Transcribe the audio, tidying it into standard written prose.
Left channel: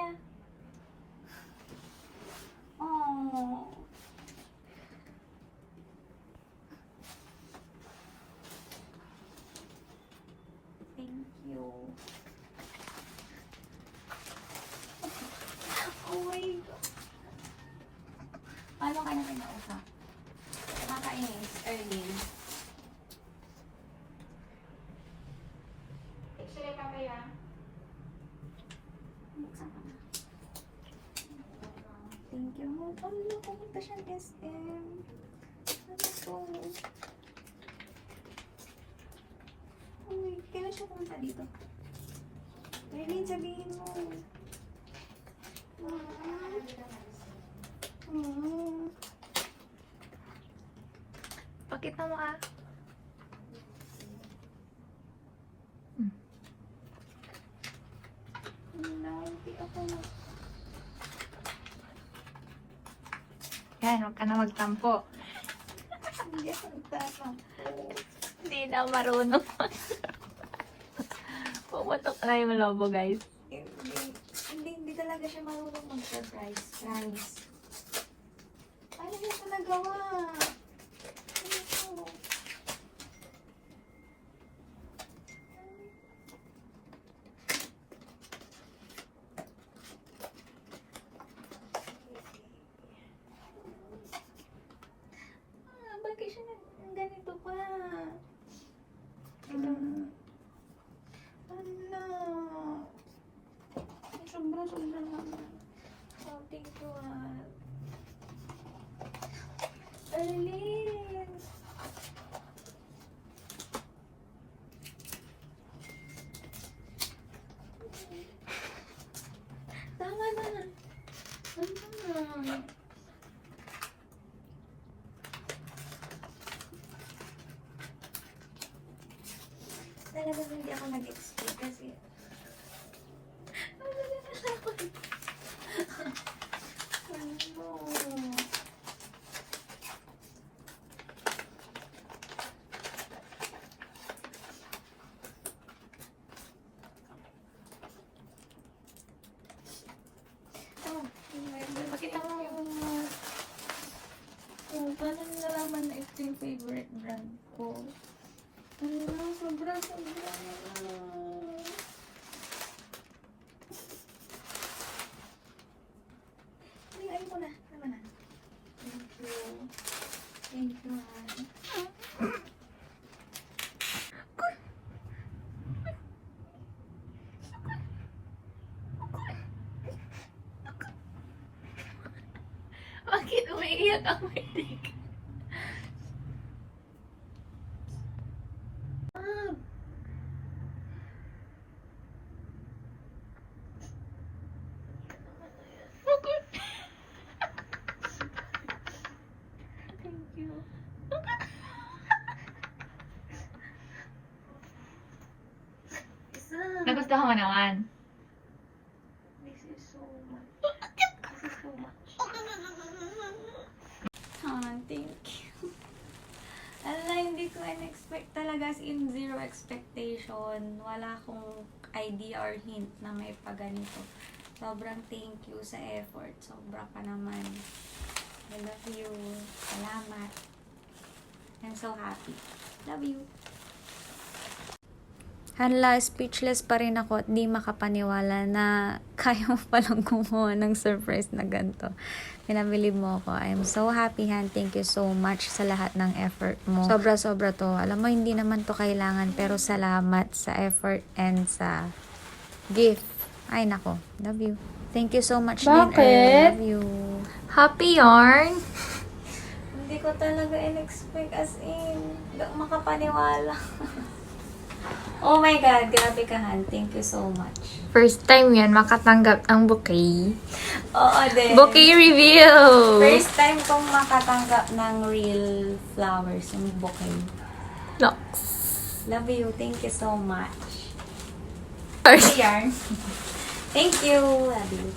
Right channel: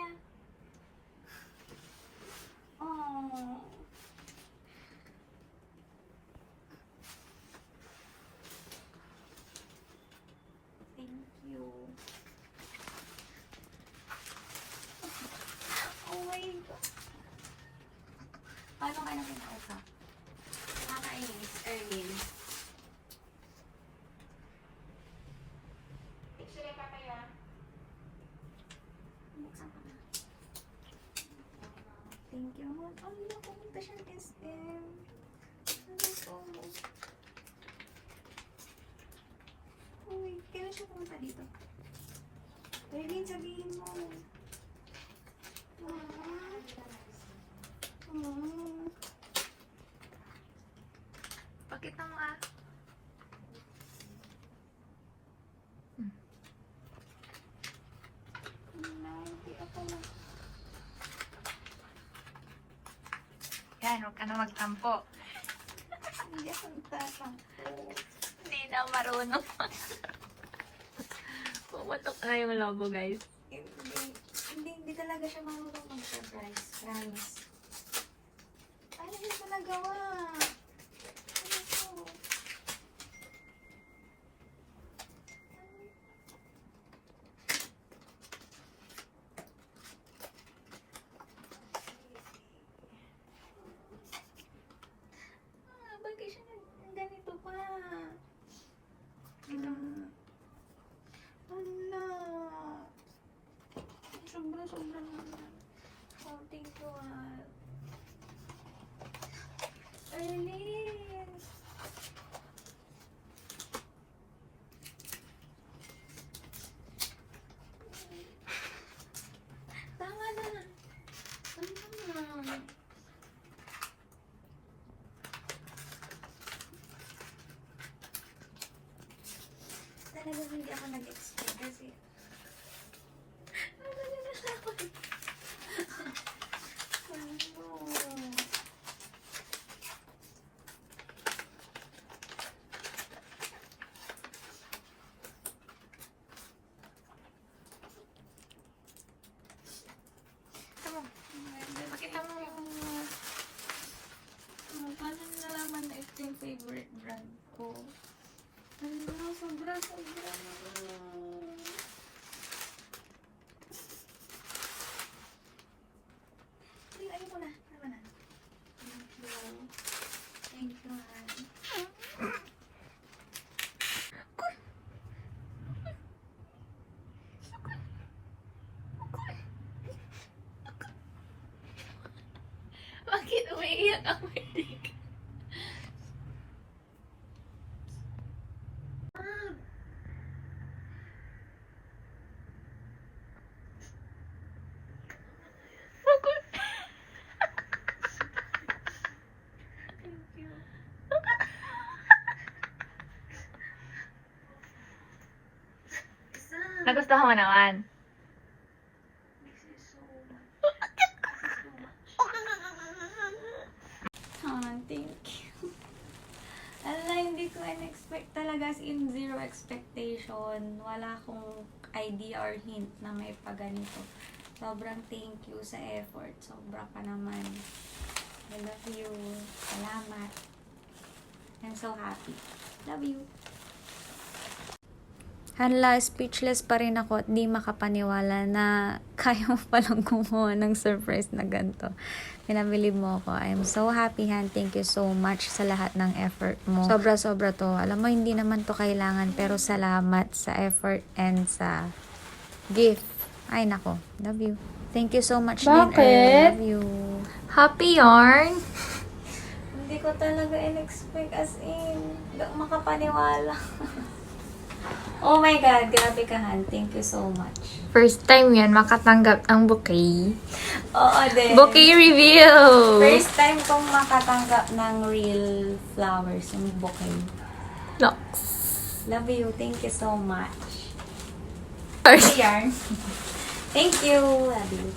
niya. Oh. Thank you. Oh my God. Paano ka na kinausap? Nakakainis, Erlyn. X-ray ka ba yan? Buksan ko na. Thank you. Oh, no, pumunta siyang SM. Ano to? Uy, kailan siya pumunta dito? Erlyn, sabihin mo. Pakita mo ah. Hindi ako Yan, huwag ka na magtampo. hindi ako nagtatampo. Hindi na marunong. Pumutok na yung lobo, guys. Hindi talaga siya marunong mag-surprise. Promise. Ano niya ko nagawa? Ano to? Bakit siya ganito pa? Sobra naman. Oh, thank you, Erlyn. Tama na. Tama na. Talagang hindi ako nag-expect kasi paano nalaman na ito yung favorite brand ko? Ano, sobra. Ayun ko na. Tama na. Thank you. Thank you, Han. Bakit umiiyak ang matik? Thank you. Nagustuhan mo naman? This is so much. Thank you. Ala, hindi ko in-expect talaga, as in zero expectation. Wala akong idea or hint na may paganito. Sobrang thank you sa effort. Sobra pa naman. I love you. Salamat. I'm so happy. Love you. Hala, speechless pa rin ako at di makapaniwala na kaya mo palang kumuha ng surprise na ganito. Pinabilib mo ako. I'm so happy, Han. Thank you so much sa lahat ng effort mo. Sobra-sobra to. Alam mo, hindi naman to kailangan, pero salamat sa effort and sa gift. Ay, nako. Love you. Thank you so much, din, Bakit? Love you. Happy yarn? Hindi ko talaga in-expect, as in. Hindi ako makapaniwala. Oh my God, grabe ka, Han. Thank you so much. First time yan makatanggap ang bouquet. Oo din. Bouquet reveal! First time kong makatanggap ng real flowers, yung bouquet. Locks. Love you. Thank you so much. Sorry. Yarn. Thank you. Love you.